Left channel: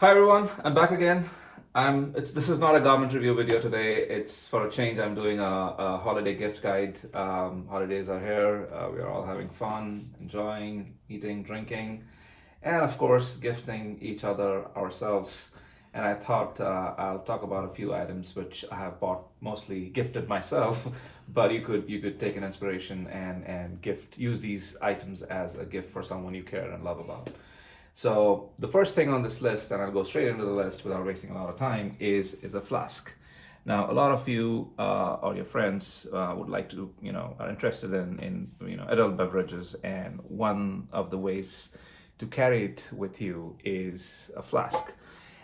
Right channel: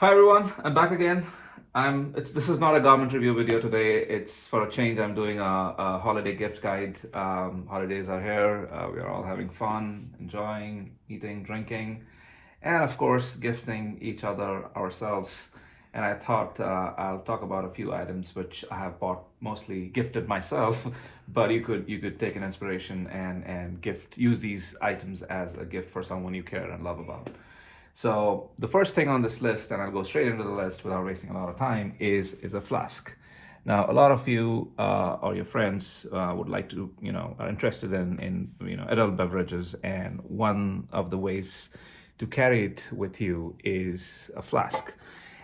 Hi everyone, I'm back again. This is not a garment review video today. It's for a change. I'm doing a holiday gift guide. Holidays are here. We are all having fun, enjoying, eating, drinking, and of course, gifting each other ourselves. And I thought I'll talk about a few items which I have bought, mostly gifted myself. But you could take an inspiration and use these items as a gift for someone you care and love about. So the first thing on this list, and I'll go straight into the list without wasting a lot of time, is a flask. Now, a lot of you or your friends would like to, are interested in adult beverages, and one of the ways to carry it with you is a flask.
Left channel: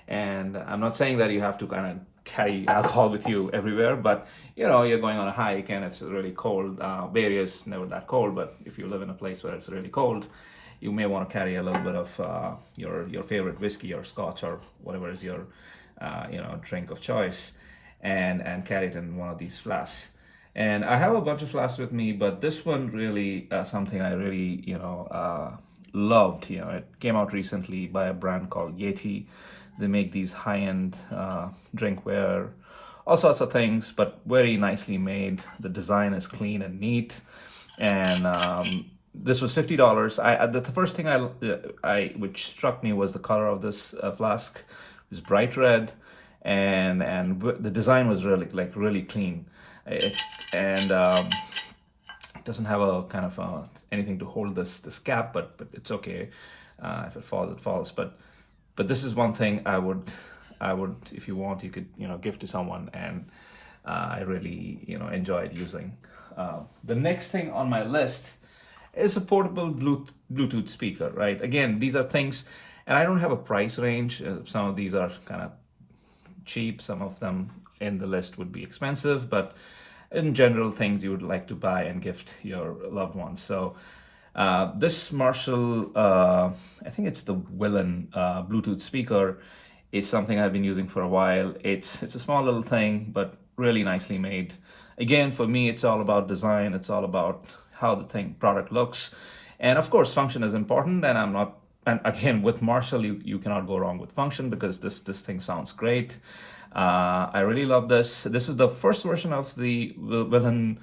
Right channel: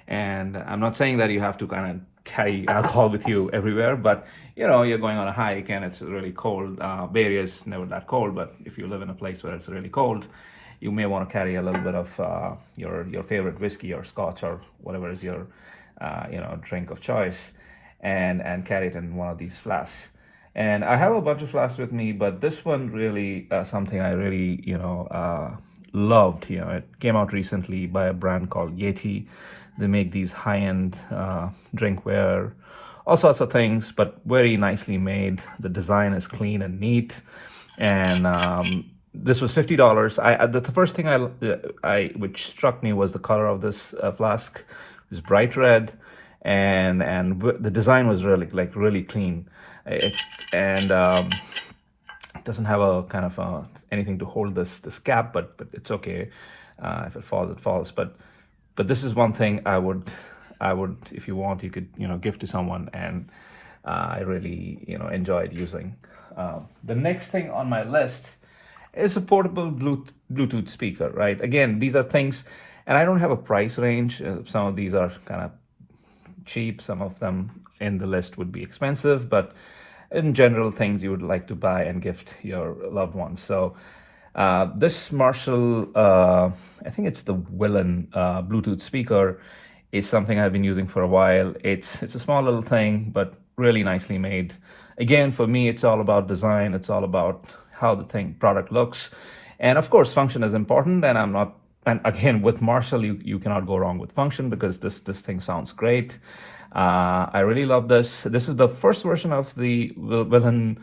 And I'm not saying that you have to kind of carry alcohol with you everywhere, but you're going on a hike and it's really cold. Bay Area is never that cold, but if you live in a place where it's really cold, you may want to carry a little bit of your favorite whiskey or scotch or whatever is your drink of choice, and carry it in one of these flasks. And I have a bunch of flasks with me, but this one really something I really loved. It came out recently by a brand called Yeti. They make these high-end drinkware, all sorts of things, but very nicely made. The design is clean and neat, and this was $50. The first thing I which struck me was the color of this flask. It was bright red, and the design was really clean. And it doesn't have a kind of anything to hold this cap, but it's okay. If it falls, it falls. But this is one thing I would, if you want, you could give to someone, and I really enjoyed using. The next thing on my list is a portable Bluetooth speaker, right? Again, these are things, and I don't have a price range. Some of these are kind of cheap. Some of them in the list would be expensive, but in general, things you would like to buy and gift your loved ones. So this Marshall, I think it's the Willen Bluetooth speaker, is something I've been using for a while. It's a small little thing, but really nicely made. Again, for me, it's all about design. It's all about how the product looks, and of course, function is important. And again, with Marshall, you cannot go wrong with function, because this thing sounds great. I really love this. This is the first version of the Willen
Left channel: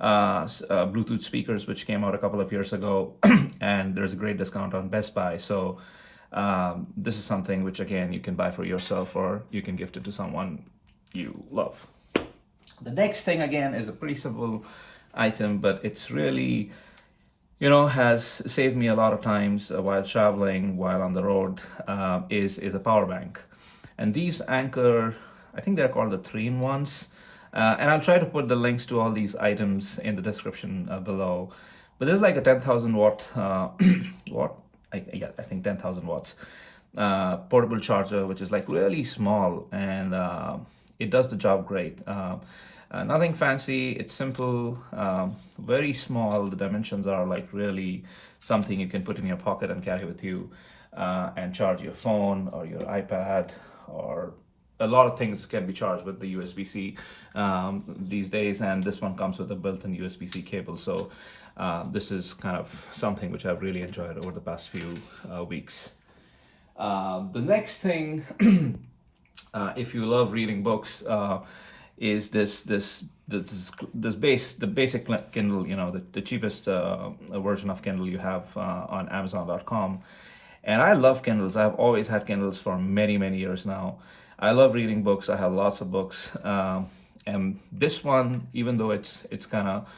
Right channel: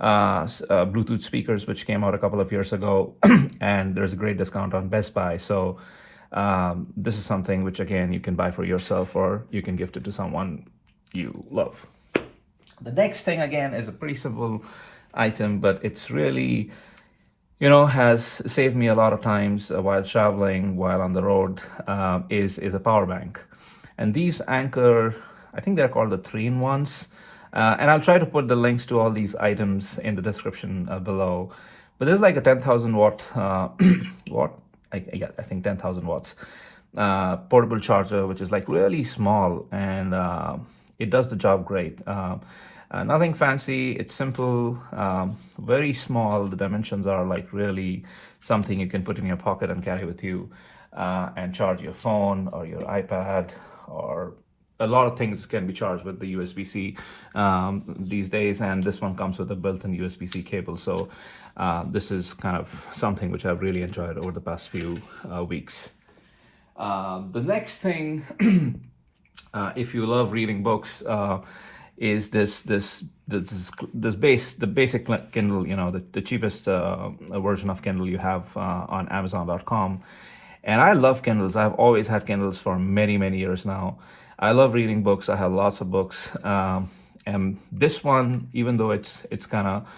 Bluetooth speakers, which came out a couple of years ago, and there's a great discount on Best Buy. So this is something which, again, you can buy for yourself, or you can gift it to someone you love. The next thing, again, is a pretty simple item, but it's really has saved me a lot of times while traveling, while on the road. Is a power bank. And these Anker, I think they're called the 3-in-1s, and I'll try to put the links to all these items in the description below. But there's like a 10,000 watt I think 10,000 watts portable charger, which is like really small, and it does the job great. Nothing fancy, it's simple, very small. The dimensions are like really something you can put in your pocket and carry with you, and charge your phone or your iPad, or a lot of things can be charged with the USB-C these days, and this one comes with a built-in USB-C cable. So this is kind of something which I've really enjoyed over the past few weeks. The next thing, if you love reading books, is the basic Kindle, the cheapest version of Kindle you have on Amazon.com. And I love Kindles. I've always had Kindles for many years now. I love reading books. I have lots of books, and this one, even though it's kind of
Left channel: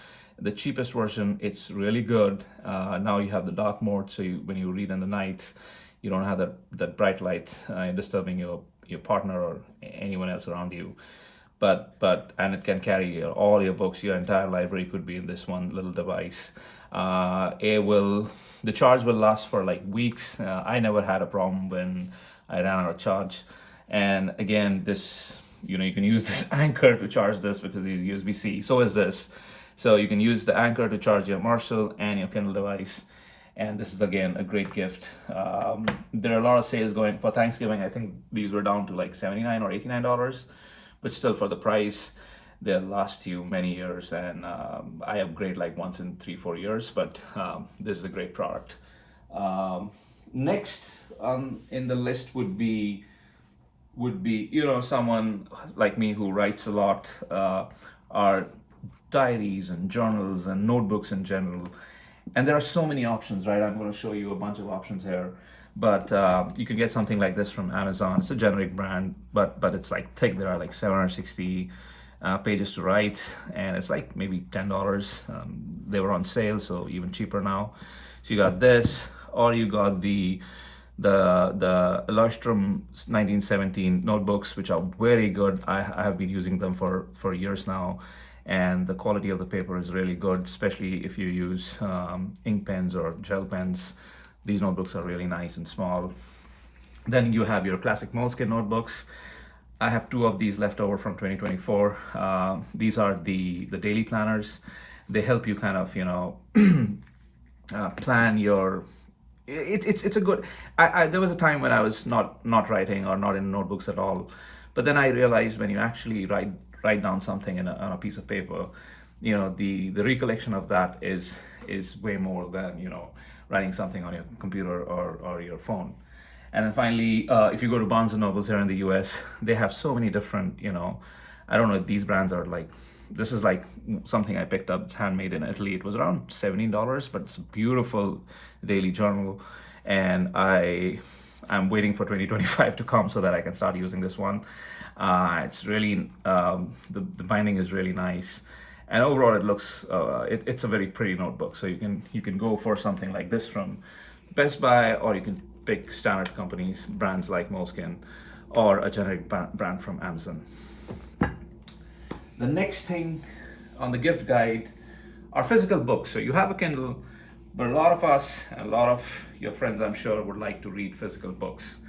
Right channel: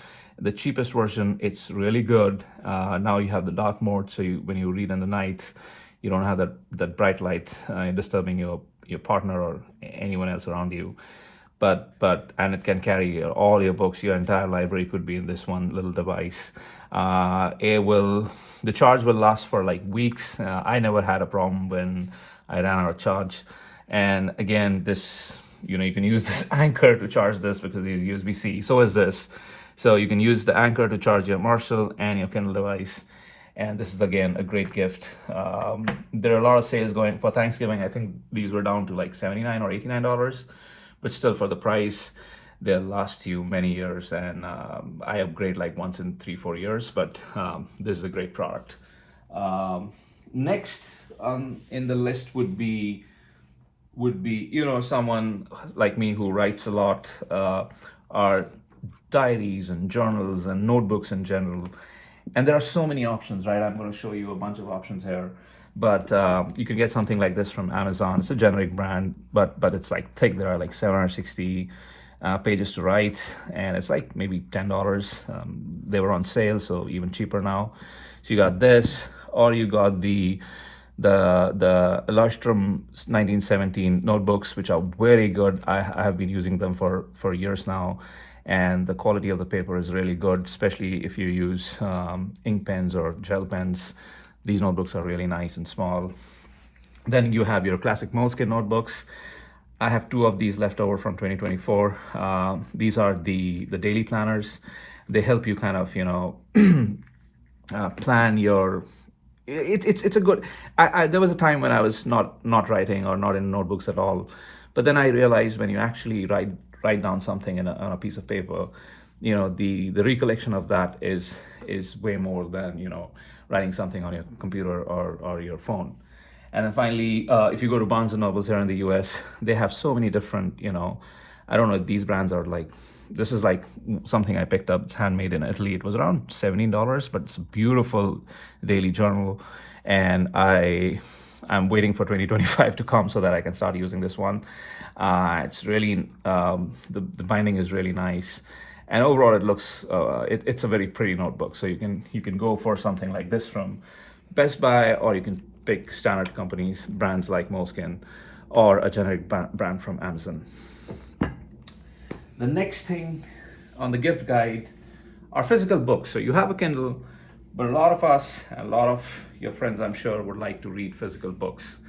the cheapest version, it's really good. Now you have the dark mode, so when you read in the night, you don't have that bright light disturbing your partner or anyone else around you. And it can carry all your books. Your entire library could be in this one little device. The charge will last for like weeks. I never had a problem when I ran out of charge. And again, this, you can use this Anker to charge this, because it's USB-C. So is this. So you can use the Anker to charge your Marshall and your Kindle device. And this is, again, a great gift. There are a lot of sales going for Thanksgiving. I think these were down to like $79 or $89, but still, for the price, they'll last you many years. And I upgrade like once in 3-4 years, but this is a great product. Next in the list would be would be, someone like me who writes a lot, are diaries and journals and notebooks in general. And there are so many options, right? I'm going to show you a bunch of options here. But you can get something like this from Amazon. It's a generic brand, but it's like thick. There are like 760 pages to write, and it's like maybe $10. They were on sale, so even cheaper now. So you got this, or you got the Illustrum 1917 notebooks, which are very good. I have been using them for years now, and the quality of the paper is really good, especially if you use ink pens or gel pens. These notebooks are really nice and small. Then you have your classic Moleskine notebooks. I have two of these left over from 2024. These are the daily planners. They help you kind of, plan your. It's a good. There was a time when I was not writing or not in notebooks at all, but then I realized when you actually write down something on a piece of paper, the recollection of that is way more than writing something on your computer or your phone. And then finally, if you go to Barnes and Nobles here in the US, they have so many different, I don't know if these brands are like, this is like something I picked up. It's handmade in Italy. It was around $17, but it's a beautiful daily journal. And I'm waiting for 2025 to come so that I can start using this one. It's really, the binding is really nice. And overall, it looks, it's a very pretty notebook. So you can go for something like this from Best Buy, or you can pick standard companies, brands like Moleskine, or a generic brand from Amazon. The next thing on the gift guide are physical books. So you have a Kindle, but a lot of us, and a lot of your friends, I'm sure, would like to read physical books.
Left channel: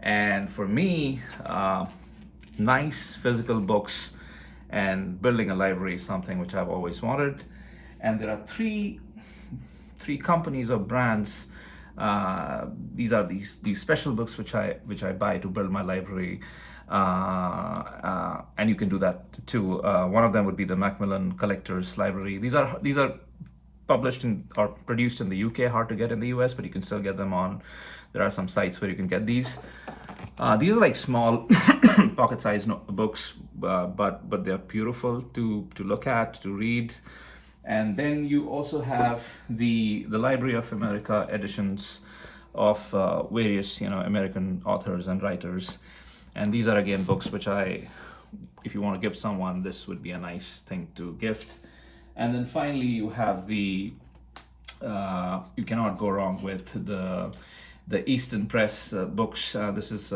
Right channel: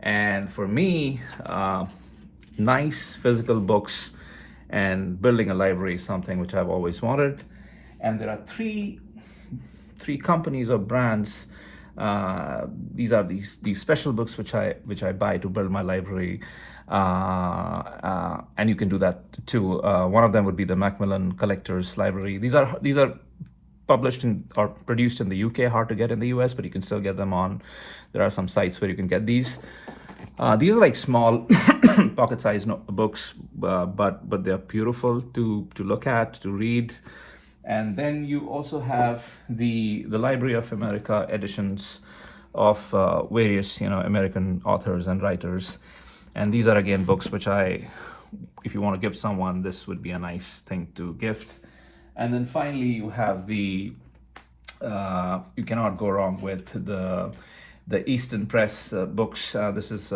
And for me, nice physical books and building a library is something which I've always wanted. And there are three companies or brands. These are these special books which I buy to build my library, and you can do that too. One of them would be the Macmillan Collectors Library. These are published or produced in the UK, hard to get in the US, but you can still get them on. There are some sites where you can get these. These are like small pocket-sized books, but they're beautiful to look at, to read. And then you also have the Library of America editions of various American authors and writers. And these are again books which if you want to give someone, this would be a nice thing to gift. And then finally you have you cannot go wrong with the Easton Press books. This is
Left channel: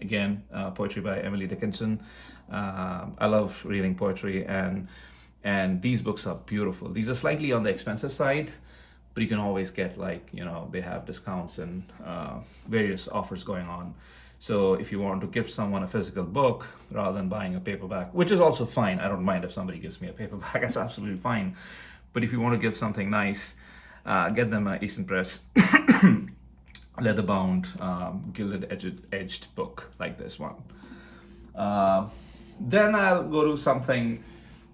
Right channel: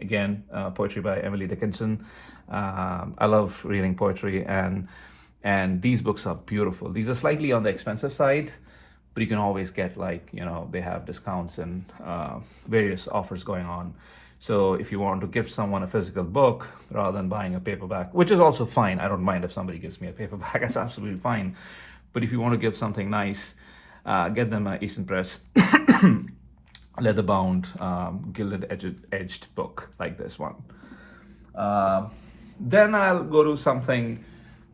again poetry by Emily Dickinson. I love reading poetry, and these books are beautiful. These are slightly on the expensive side, but you can always get they have discounts and various offers going on. So if you want to gift someone a physical book rather than buying a paperback, which is also fine. I don't mind if somebody gives me a paperback, that's absolutely fine. But if you want to give something nice, get them an Easton Press leather-bound, gilded edged book like this one. Then I'll go to something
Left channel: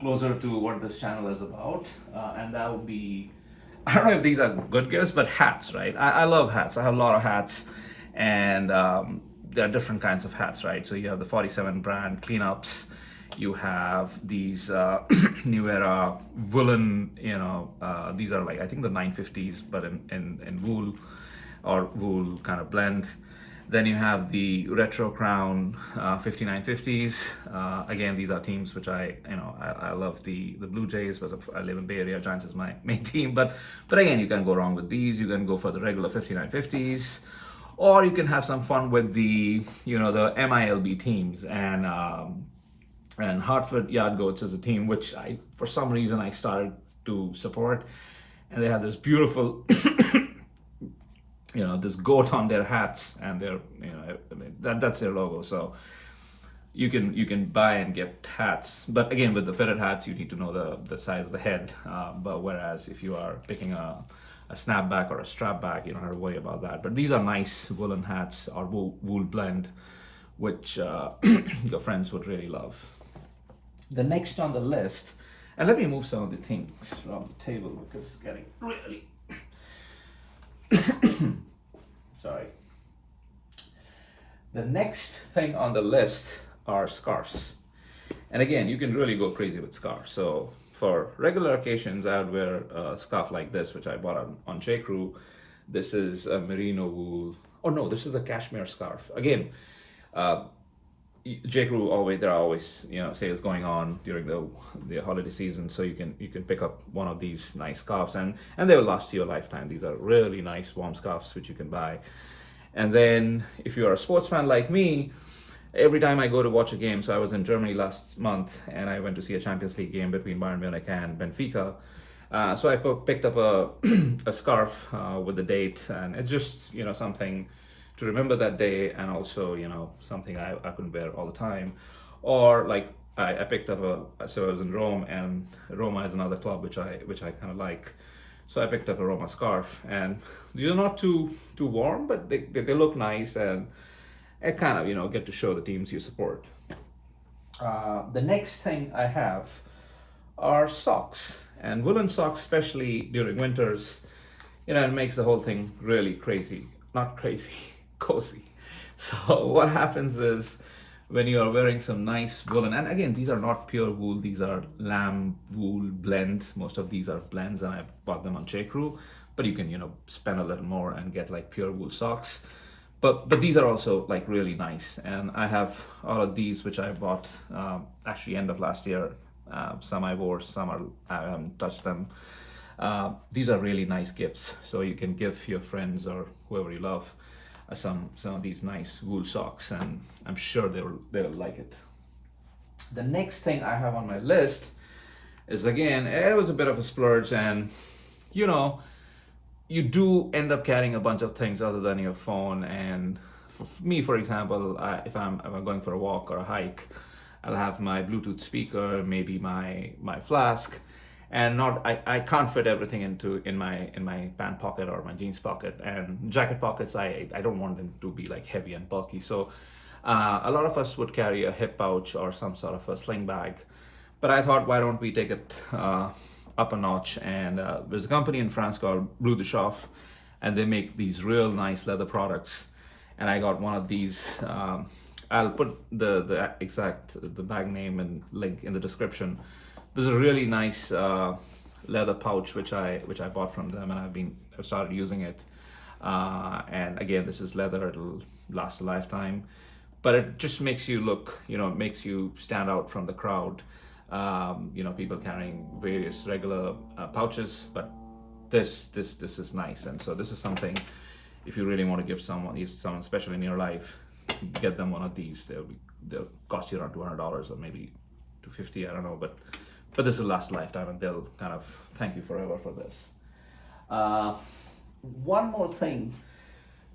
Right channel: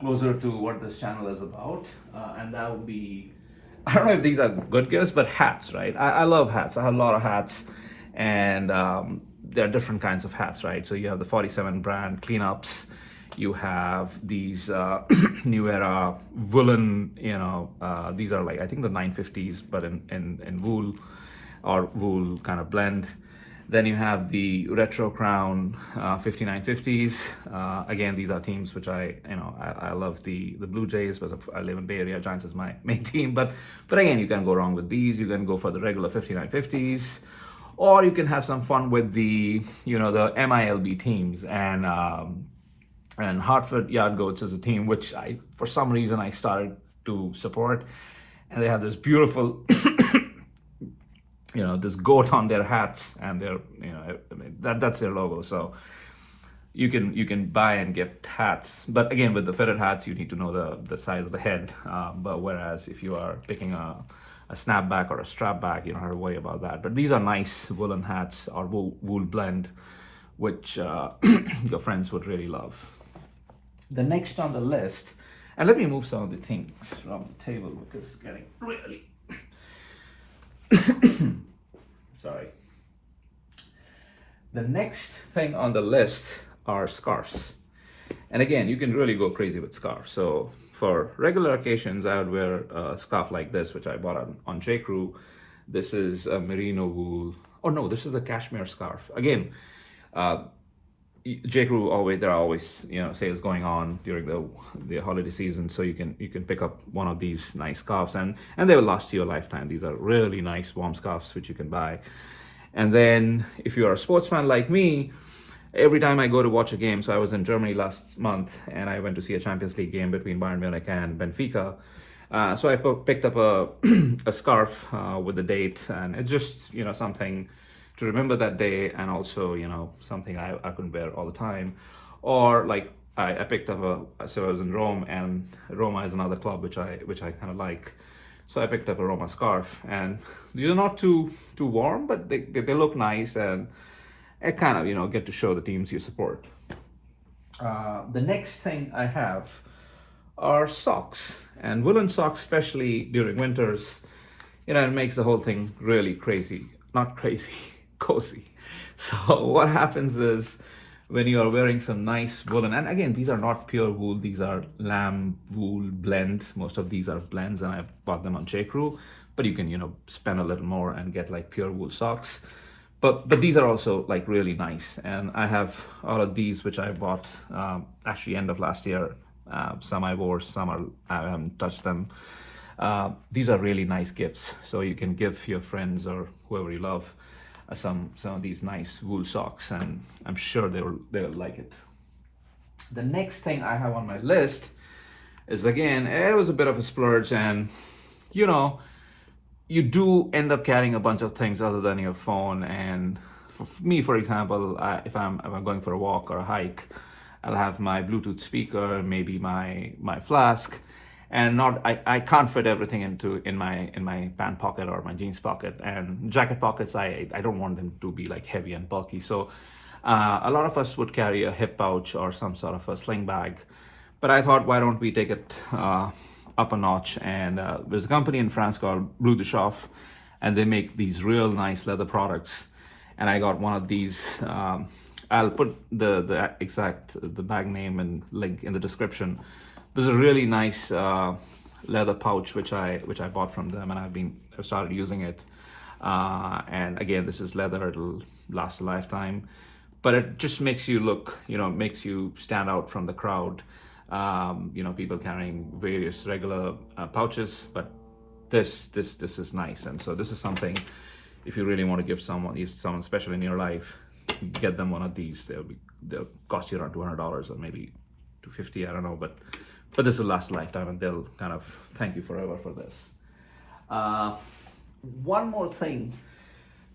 closer to what this channel is about, and that would be, I don't know if these are good gifts, but hats, right? I love hats. I have a lot of hats, and there are different kinds of hats, right? So you have the 47 brand cleanups, you have these new era woolen, these are like, I think the 950s, but in wool or wool kind of blend. Then you have the Retro Crown 5950s. Again, these are teams which I love the Blue Jays, because I live in Bay Area. Giants is my main team, but again, you can go wrong with these. You can go for the regular 5950s, or you can have some fun with the the MILB teams. And Hartford Yard Goats is a team which for some reason I started to support, and they have this beautiful this goat on their hats, and they're that's their logo. So you can buy and gift hats, but again, with the fitted hats you need to know the size of the head, but whereas if you are picking a snapback or a strapback, you don't have to worry about that. But these are nice woolen hats or wool blend, which your friends would really love. The next on the list, and let me move some of the things around the table because it's getting really sorry. The next thing on the list are scarves. And again, you can really go crazy with scarves. So for regular occasions, I would wear a scarf like this, which I bought on J.Crew. This is a merino wool. Oh no, this is a cashmere scarf. Again, uh, J.Crew always, there are always, sales going on during the holiday season, so you can pick up one of these nice scarves, and they will last you a lifetime. These are really nice warm scarves which you can buy. And then if you are a sports fan like me, every time I go to watch a game, so I was in Germany last month and I went to see a Champions League game between Bayern Munich and Benfica. So I picked up a a scarf with the date, and it's just something to remember that day, and also something I couldn't wear all the time. Or like I picked up so I was in Rome, and Roma is another club which I kind of like. So I picked up a Roma scarf, and these are not too warm, but they look nice, and it kind of get to show the teams you support. The next thing I have are socks, and woolen socks, especially during winters. It makes the whole thing really crazy. Not crazy, cozy. So what happens is when you are wearing some nice woolen, and again, these are not pure wool, these are lamb wool blend. Most of these are blends, and I bought them on J.Crew, but you can spend a little more and get like pure wool socks. But these are also like really nice, and I have all of these which I bought actually end of last year. Some I wore, some I haven't touched them. These are really nice gifts, so you can give your friends or whoever you love some of these nice wool socks, and I'm sure they'll like it. The next thing I have on my list is, again, it was a bit of a splurge, and you do end up carrying a bunch of things other than your phone. And for me, for example, if I'm going for a walk or a hike, I'll have my Bluetooth speaker, maybe my flask, and I can't fit everything in my pant pocket or my jeans pocket. And jacket pockets, I don't want them to be like heavy and bulky. So a lot of us would carry a hip pouch or some sort of a sling bag, but I thought, why don't we take it up a notch? And there's a company in France called Bleu de Chauffe, and they make these real nice leather products. And I got one of these. I'll put the bag name and link in the description. There's a really nice leather pouch which I bought from them, and I've started using it. And again, this is leather; it'll last a lifetime. But it just makes you look, makes you stand out from the crowd. People carrying various regular pouches, but this is nice. And so this is something, if you really want to give someone special in your life, get them one of these. They'll cost you around $200 or maybe $250, I don't know, but this will last a lifetime, and they'll kind of thank you forever for this. One more thing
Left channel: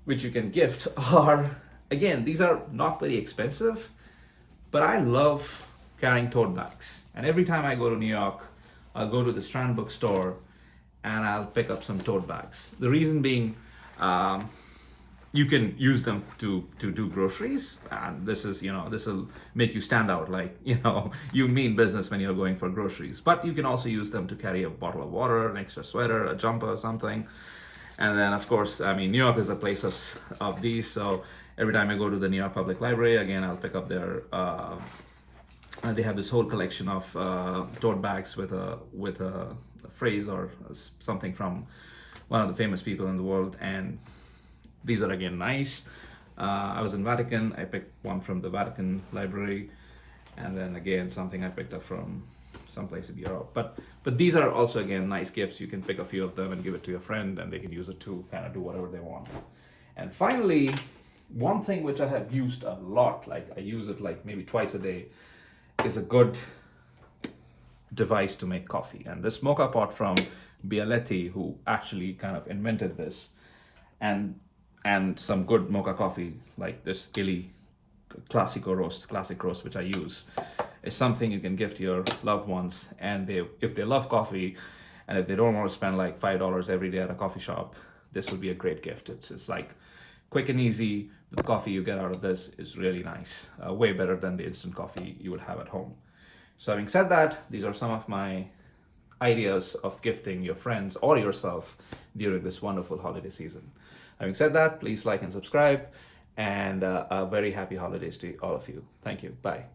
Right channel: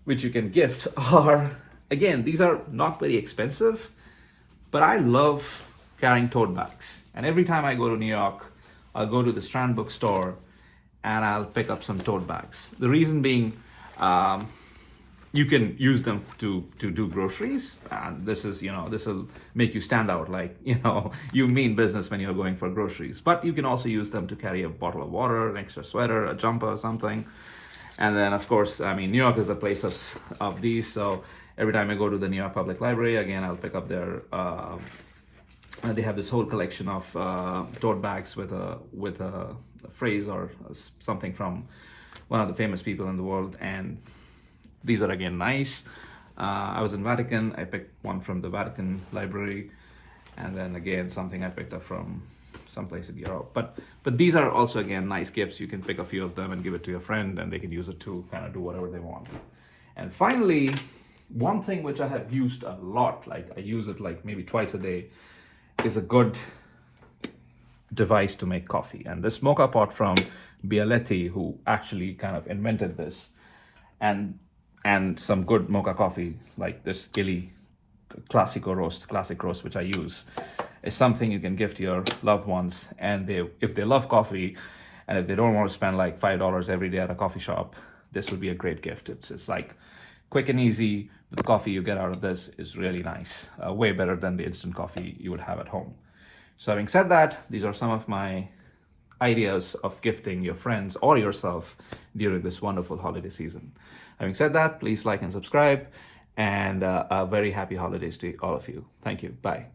which you can gift are, again, these are not very expensive, but I love carrying tote bags. And every time I go to New York, I'll go to the Strand bookstore and I'll pick up some tote bags. The reason being, you can use them to do groceries, and this will make you stand out, like you mean business when you're going for groceries. But you can also use them to carry a bottle of water, an extra sweater, a jumper, or something. And then, of course, New York is the place of these, so every time I go to the New York Public Library, again, I'll pick up their they have this whole collection of tote bags with a phrase or something from one of the famous people in the world, and these are again nice. I was in Vatican, I picked one from the Vatican Library, and then again something I picked up from someplace in Europe. But these are also again nice gifts. You can pick a few of them and give it to your friend, and they can use it to kind of do whatever they want. And finally, one thing which I have used a lot, like I use it like maybe twice a day, is a good device to make coffee. And this mocha pot from Bialetti, who actually kind of invented this, and some good mocha coffee like this Illy classic roast, which I use, is something you can gift your loved ones. And if they love coffee, and if they don't want to spend like $5 every day at a coffee shop, this would be a great gift. It's like quick and easy. The coffee you get out of this is really nice, way better than the instant coffee you would have at home. So having said that, these are some of my ideas of gifting your friends or yourself during this wonderful holiday season. Having said that, please like and subscribe, and very happy holidays to all of you. Thank you. Bye.